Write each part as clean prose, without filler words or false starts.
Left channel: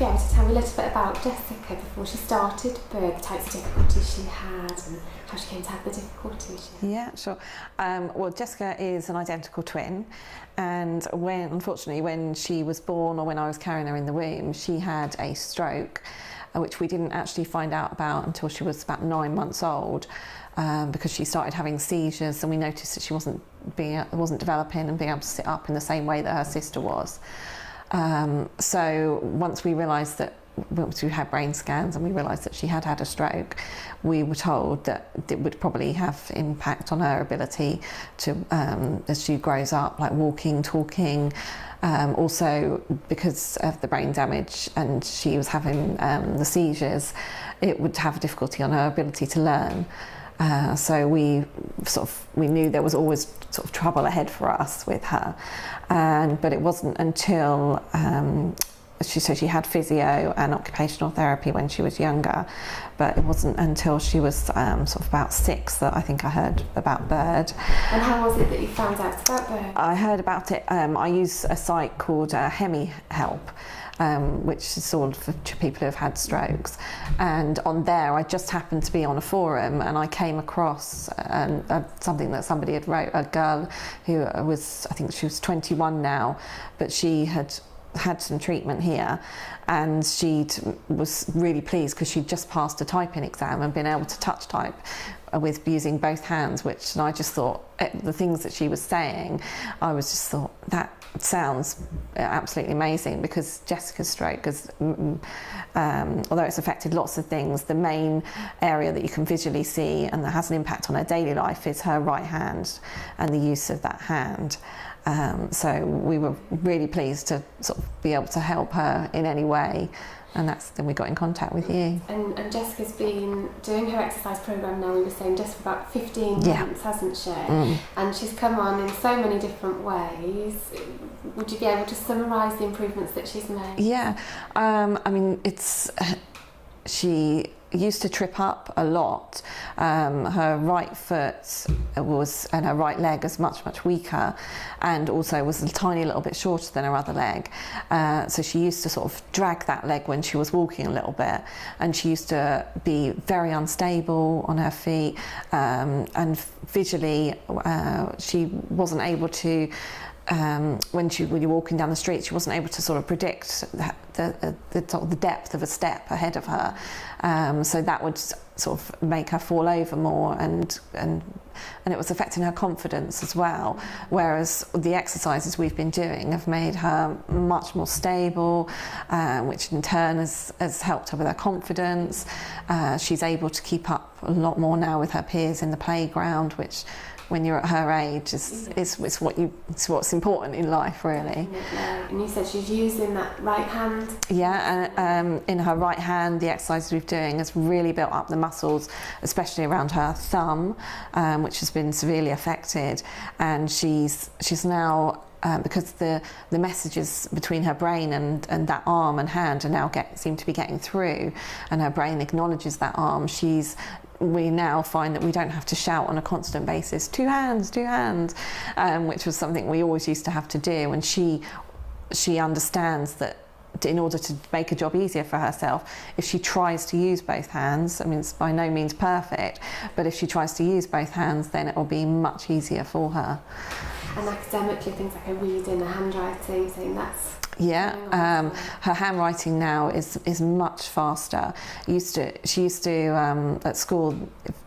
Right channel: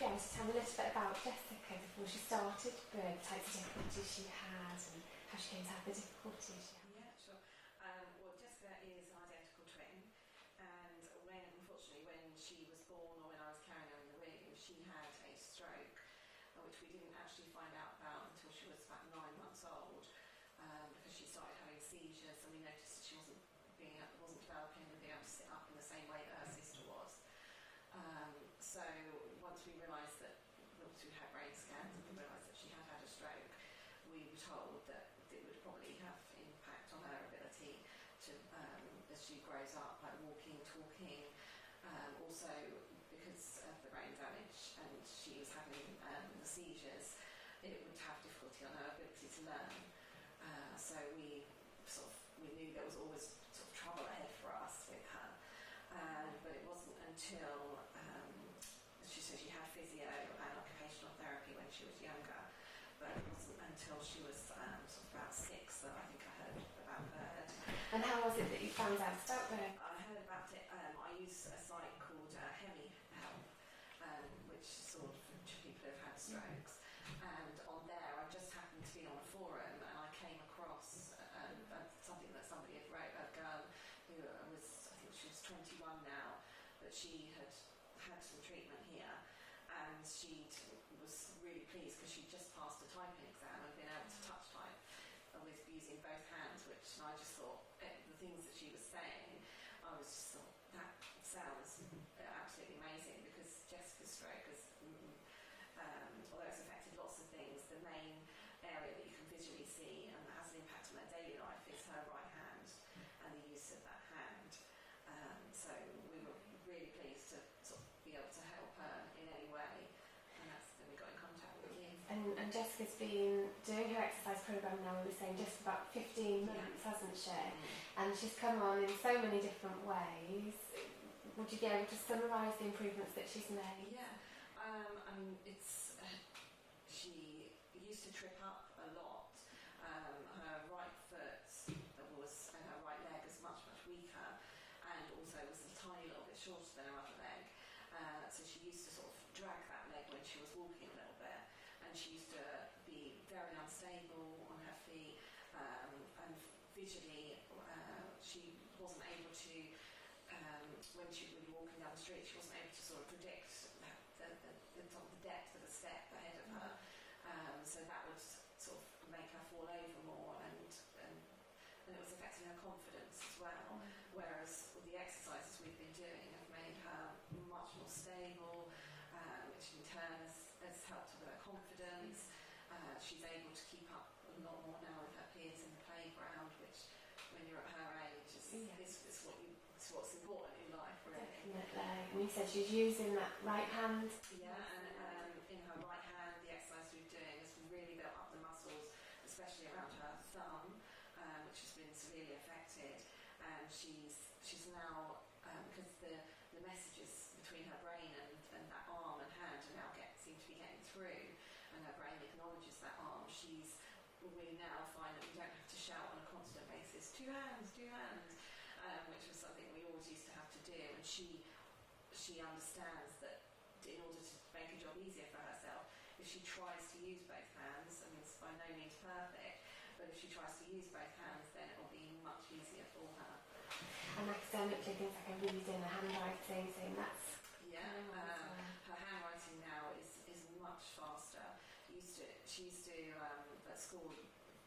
be able to tell me a little bit about Jessica before she started birth, the types of difficulties she had and how she came to have the difficulties she had? Yeah, sure. Well, Jessica is an identical twin, and unfortunately when she was born, or when I was carrying her in the womb, she had a stroke, which we didn't actually find out about until she was about 9 months old, because she started having seizures, and we noticed that she wasn't developing and being able to sit up in the same way that her sister was. So once we realised that, once we had brain scans and we realised that she had had a stroke, we were told that it would probably have impact on her ability to, as she grows up, like walking, talking. Also, because of the brain damage and she was having the seizures, it would have difficulty on her ability to learn. So we knew there was always sort of trouble ahead for us with her, but it wasn't until she had physio and occupational therapy when she was younger, but it wasn't until she was sort of about 6 that I think I heard about BIRD. And how was it that you found out about BIRD? I heard about it. I use a site called Hemi Help, which is sort of for people who have had strokes, and on there I just happened to be on a forum and I came across something that somebody had wrote, a girl who was, I think she was 21 now, but she had some treatment here, and she was really pleased because she'd just passed a typing exam and been able to touch type with using both hands, which, and I just thought, the things that she was saying, I was just thought, that sounds absolutely amazing, because Jessica's stroke is, although it's affected lots of things, the main area that you can visually see and that has an impact on her daily life is her right hand and the use of that hand. So we were really pleased to sort of be able to help her in any way, and then we got in contact with you. And Jessica's been doing her exercise programme now, we were saying, just for about 15 months, hasn't she? And she's come on in so many different ways. Would you be able to summarise the improvements that she's made? Yeah, I mean, she used to trip up a lot. Her right foot and her right leg was much weaker, and also was a tiny little bit shorter than her other leg. So she used to sort of drag that leg when she was walking a little bit, and she used to be very unstable on her feet, and visually she wasn't able to, when you're walking down the street, she wasn't able to sort of predict the depth of a step ahead of her, so that would sort of make her fall over more, and it was affecting her confidence as well, whereas the exercises we've been doing have made her much more stable, which in turn has helped her with her confidence. She's able to keep up a lot more now with her peers in the playground, which, when you're at her age, it's what's important in life, really. And you said she's using that right hand? Yeah, and in her right hand, the exercises we've doing has really built up the muscles, especially around her thumb, which has been severely affected. And she's now, because the messages between her brain and that arm and hand are now seem to be getting through, and her brain acknowledges that arm, we now find that we don't have to shout on a constant basis, two hands, which was something we always used to have to do. And she understands that in order to make a job easier for herself, if she tries to use both hands, I mean, it's by no means perfect, but if she tries to use both hands, then it will be much easier for her. And academically, things like her reading, her handwriting, saying that's... Yeah, her handwriting now is much faster. She used to at school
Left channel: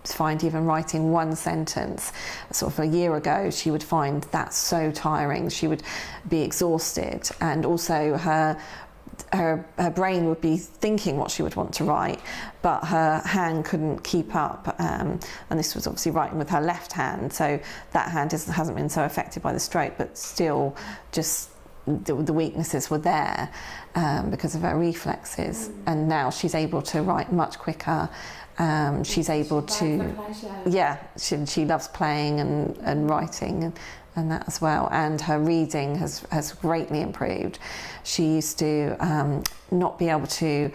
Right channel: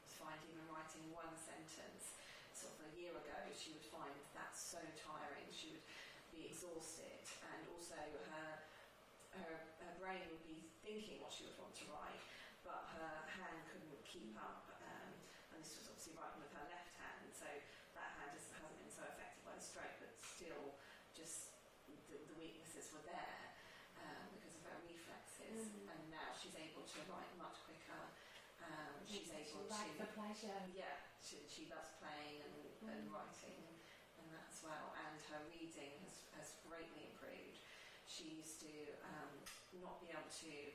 find even writing one sentence, sort of a year ago, she would find that so tiring. She would be exhausted, and also her brain would be thinking what she would want to write, but her hand couldn't keep up, and this was obviously writing with her left hand, so that hand hasn't been so affected by the stroke, but still just the weaknesses were there because of her reflexes. And now she's able to write much quicker. She's able to, yeah, she loves playing and writing and that as well. And her reading has greatly improved. She used to not be able to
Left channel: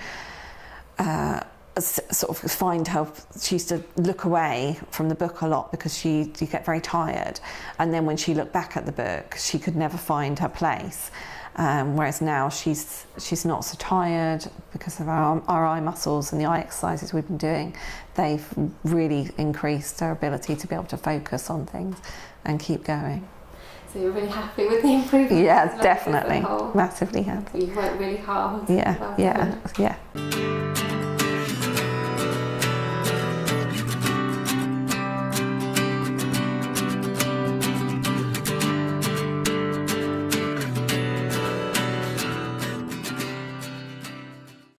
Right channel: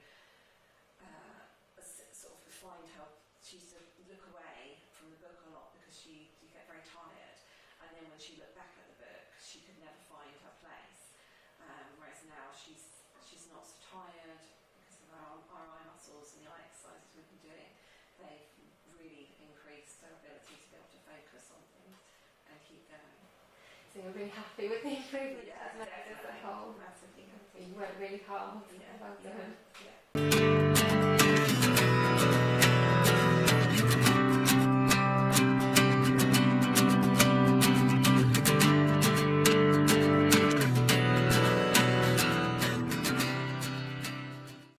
sort of she used to look away from the book a lot because you get very tired, and then when she looked back at the book she could never find her place, whereas now she's not so tired because of our eye muscles and the eye exercises we've been doing. They've really increased her ability to be able to focus on things and keep going. So you're really happy with the improvement? Yeah, definitely, massively happy. You worked really hard. Yeah, Well yeah, done. yeah.